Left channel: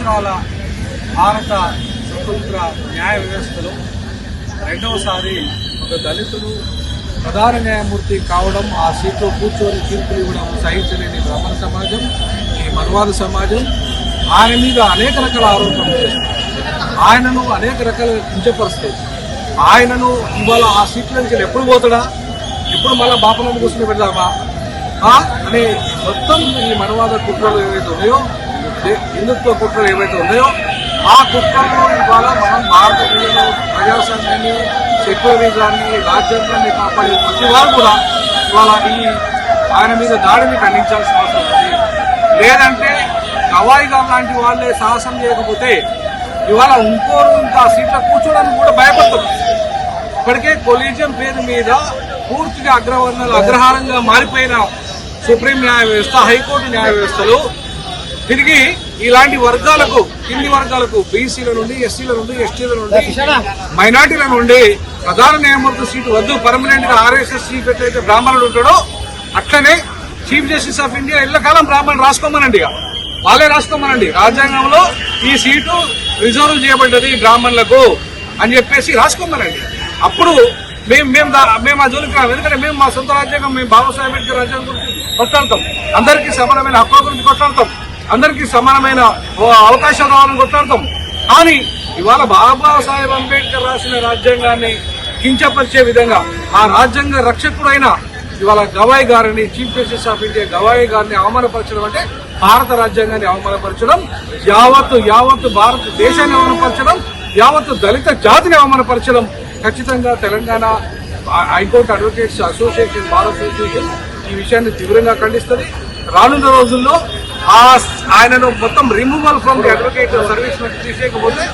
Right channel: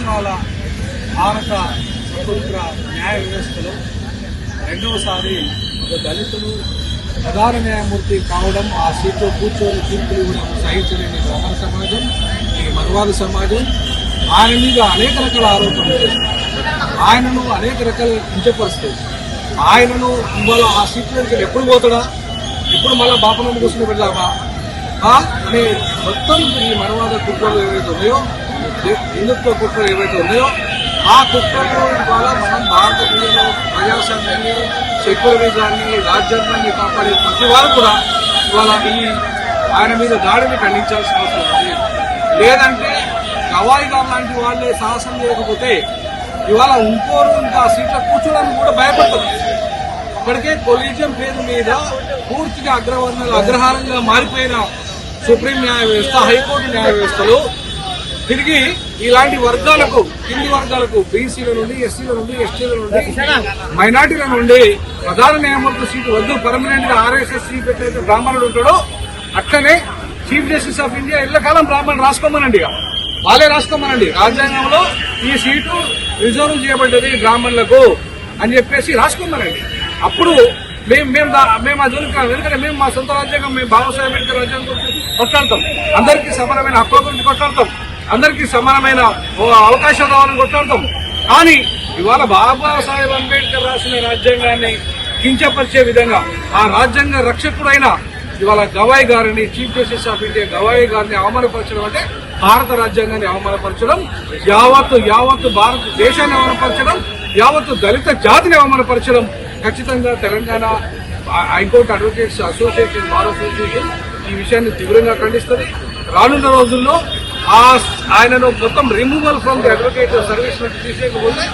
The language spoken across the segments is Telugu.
సంవత్సరాల భారత స్వతంత్ర న్యాయ వ్యవస్థలో రెండవసారి ఒక దళితుడు ప్రధాన న్యాయమూర్తి కావడం, ఆ సీట్లో కూర్చొని తీర్పులు ఇవ్వడం సహించలేని బ్రాహ్మణ సమాజం, ఈ మనవాద సమాజం ఆయన మీద అనేక రకాల ఆరోపణలు, ఆయనను అనేక రకాల కించపరుస్తాయి. ఆయనను ఇవాళ ఆ సీట్లోకి ఎప్పుడు పోతాడా, ఎప్పుడు మళ్ళా బాపనందు కూర్చుని పెడదామా అనే మొత్తం ఈ మనవాద కుట్రలు ఏవైతే ఉన్నాయో, హిందుత్వ కుట్రలు ఏవైతే ఉన్నాయో ఆ కుట్రలు ఇవాళ మనం భారతదేశంలో ప్రజాస్వామ్యాన్ని, సెక్యులరిజాన్ని, రాజ్యాంగాన్ని కాపాడే ప్రతి వారు కూడా ఇవాళ ఆయన మీద దాడిని ఖండించాల్సిన అవసరం ఉంది. లేదంటే గవాయి గారు లాంటి వాళ్లే సాహసం చేయకపోతే ఇవాళ ఇంకోరు ఇంకా సీట్లో కూర్చోడానికి కూడా భయపడతారు. ఇప్పటికే కొలీజియం పేరు మీద పూర్తిగా అగ్రహారంగా మారిపోయిన సుప్రీం న్యాయ వ్యవస్థ, హైకోర్టు న్యాయ వ్యవస్థలో తిరిగి ఇలాంటి వర్గాలకు, కింది వర్గాలకు, బీసీల నుండి, ఎస్సీల నుండి, ఎస్టీల నుండి, మైనార్టీల నుండి ప్రధాన న్యాయమూర్తి సీటు వద్దు, పర్మనెంట్ గా RSS చీఫ్ ఎట్లయితే బ్రాహ్మణుడు ఉంటాడో అట్లనే చీఫ్ జస్టిస్ ఆఫ్ ఇండియా ఇళ్లకాలం బ్రాహ్మణుడు రాసుకోమనండి, వాళ్ళే రాసుకోమనండి. రాజ్యాంగంలో ఈ సీటు రిజర్వ్ చేయబడ్డది బ్రాహ్మణులకు అని చెప్పేసి రాసుకోమనండి. అప్పుడు మేము ఆ జోలికి రాము. ఎందుకంటే మేము మా సొంత రాజ్యాంగం, మేము బాబాసాహెబ్ అంబేద్కర్ రాజ్యాంగం గురించి కొట్లాడతాం, అందరికీ సమానమైన హక్కుల గురించి కొట్లాడతాం, అందరికీ సమానమైన అవకాశాలు రావాలని కొట్లాడతాం. కానీ ఇవాళ బాబాసాహెబ్ అంబేద్కర్ రాసిన రాజ్యాంగాన్ని కించపరిచే విధంగా ఆ రాజ్యాంగ రక్షకుడైన ఇవాళ గవాయి గారిని, chief justice of India Gavai గారిని అవమానపరచడం అంటే భారత రాజ్యాంగాన్ని అవమానపరచడం, యావత్తు భారతదేశాన్ని అవమానపరచడం, యావత్తు దళిత జాతిని అవమానపరచడం. ఖచ్చితంగా Telangana high court advocates association, bar association ఈ విషయాన్ని తీవ్రంగా ఖండిస్తుంది. రానున్న రోజుల్లో ఆయనను మొత్తం removal from the advocate service నుంచి తీసేయకపోతే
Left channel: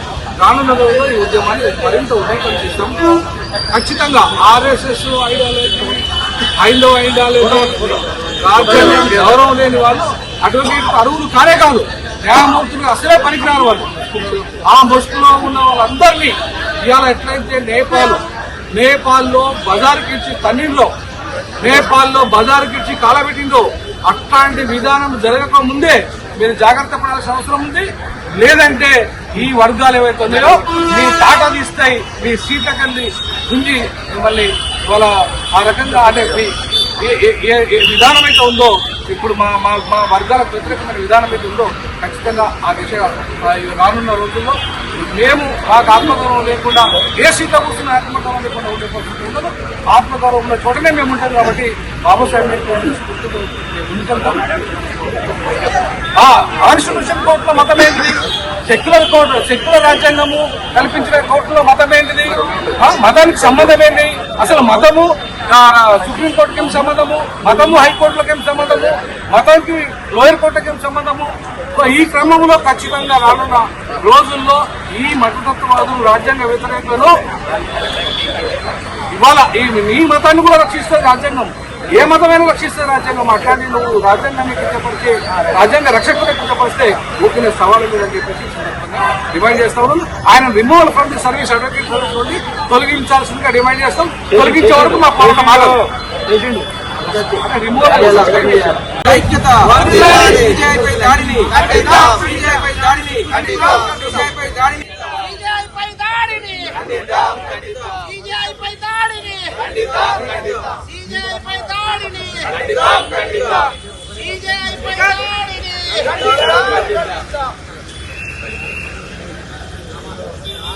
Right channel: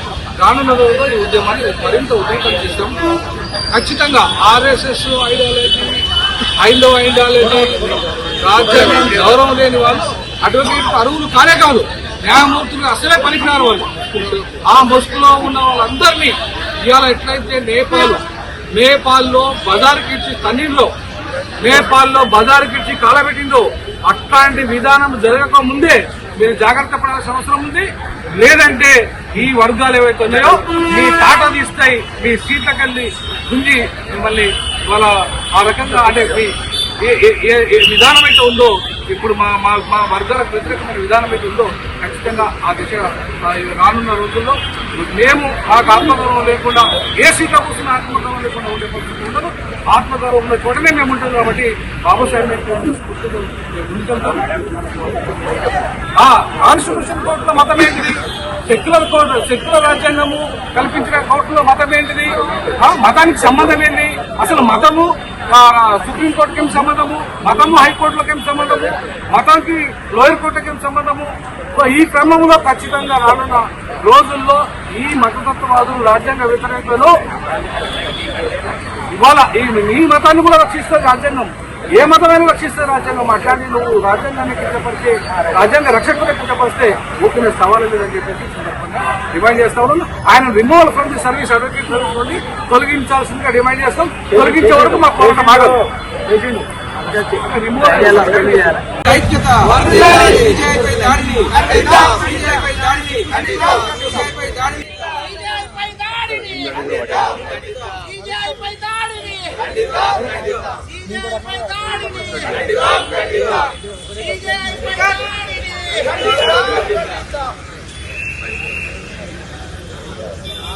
రానున్న రోజుల్లో ఈ ఉద్యమాన్ని మరింత ఉధృతం చేస్తాం. ఖచ్చితంగా RSS ఐడియాలజీ, హైందవ ఐడియాలజీ, రాజ్యాంగం గౌరవం లేని వాళ్ళు అడ్వకేట్ అర్హులు కానే కాదు, న్యాయమూర్తులు అసలే పనికిరారు వాళ్ళు. ఆ ముసుగులో ఉన్న వాళ్ళందరినీ ఇవాళ ఎట్లయితే నేపాల్లో బజారుకిచ్చి తన్నీళ్ళలో, నేపాల్లో బజారుకిచ్చి కాలబెట్టిందో అట్లాంటి విధానం జరగక ముందే మీరు జాగ్రత్త పడాల్సిన అవసరం ఉంది. లేదంటే ఈ వర్గాలు ఏవైతే ఉన్నాయో మీ టాటా తీస్తాయి, మీ సీట్లకెళ్ళి గుంజి మిమ్మల్ని ఇవాళ ఆ రకంగా అంటే ఏ విధానం అయితే ఉందో, ఇప్పుడు మా వర్గాలకు వ్యతిరేకమైన విధానం అయితే ఉందో ఖచ్చితంగా ఆ దిశగా రానున్న రోజుల్లో మేము మాకు ఆత్మగౌరవం లేకుండా ఏ సీట్లో కూర్చున్న ఆత్మగౌరవం లేకుండా ఉండే పరిస్థితి ఉండదు. ఆత్మగౌరవం ఉన్న చోటనే మేము ఉంటాం. కాబట్టి బాబాసాహెబ్ అంబేద్కర్ స్ఫూర్తితో ముందుకెళ్తాం. కాన్స్టిట్యూషన్ కోర్టులో మతం ఏంటిది? సెక్యులర్ రాజ్యాంగము కల్పించిన కోర్టులో మతం ఏంటిది? మతానికి సంబంధం ఏంటి? అసలు మతము సుప్రీంకోర్టుకి ఏం సంబంధము, మతము హైకోర్టులకు ఏం సంబంధము, మతానికి లోయర్ కోర్టుకి ఏం సంబంధము? ఈ క్రమంలో ఖచ్చితంగా రానున్న రోజుల్లో ఈ మతతత్వవాదులు, రాజ్యాంగ వ్యతిరేకులు ఇవాళ ఈ మతాన్ని కూడా రక్షిస్తారు రాజ్యాంగం. ఏ మతమైనా రక్షిస్తారు రాజ్యాంగం. అట్లాంటి నువ్వు రాజ్యాంగాన్ని కించపరిచి, రాజ్యాంగ రక్షకులను కించపరిస్తే ఊపిన సవాలు లేదని చెప్పేసి డిమాండ్ చేస్తా ఉన్నాను. ఆయన removal from the service advocate నుండి తొలగించాల్సిందిగా డిమాండ్ చేస్తాం. తొలగించే వరకు మా పోరాటం ఆగదు.